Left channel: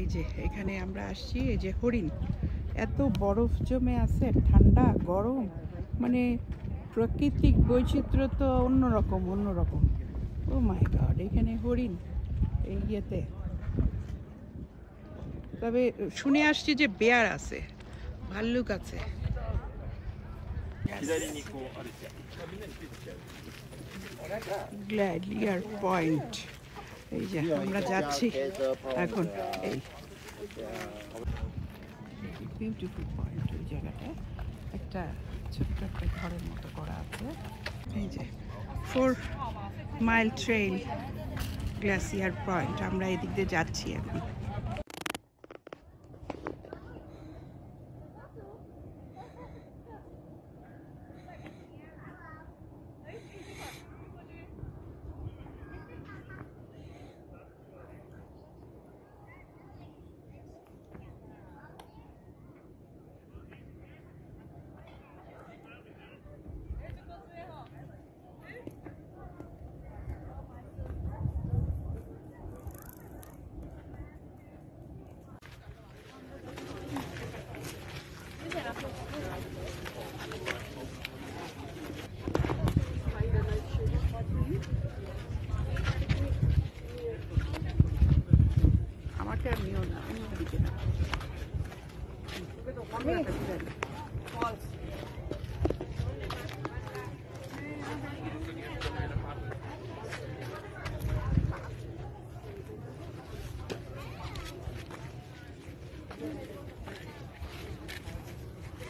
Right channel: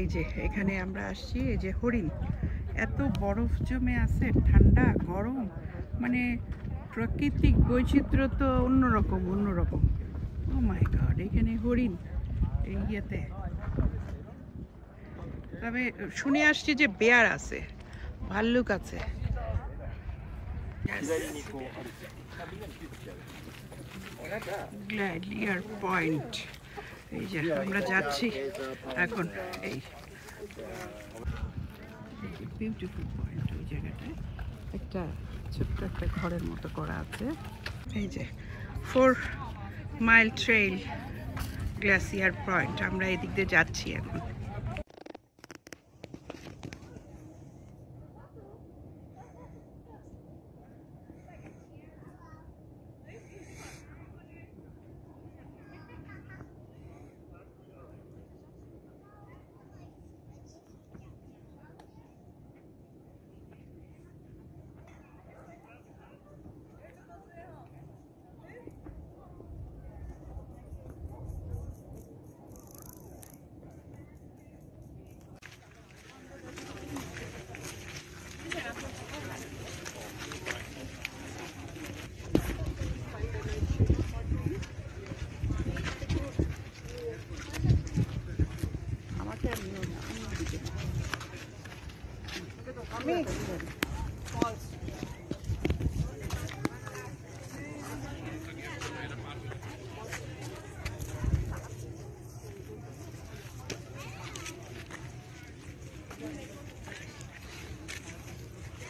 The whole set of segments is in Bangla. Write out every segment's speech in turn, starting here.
এই যে এখানে আমরা আসছি, এই যে হরিণ, এত বরফ জমে আছে, ঠান্ডা গরম, মানে প্রাকৃতিক বৈচিত্র্য তো অন্যরকম। ও মাই গড, এখানে হরিণ এই ইয়েতে। তবে শুনে আসছি যে বেয়ার আছে, ভাল্লুক আছে। গ্ল্যাডিয়ার পয়েন্ট, এই যে আমরা যাচ্ছি এখন। এই বিউটিফুল পয়েন্ট, ওই জায়গাটায় একটা ছোট্ট একটা ঘরের মতো করা আছে। এই যে 4 মাইল ট্রেইল গ্লেসিয়ার পয়েন্ট, আমরা এদিক দিয়ে যাচ্ছি এখন। আমাকে আর নিও না, অন্যদিকে না।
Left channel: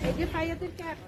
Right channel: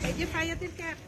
এই যে ফাইয়াতের ক্যাপ।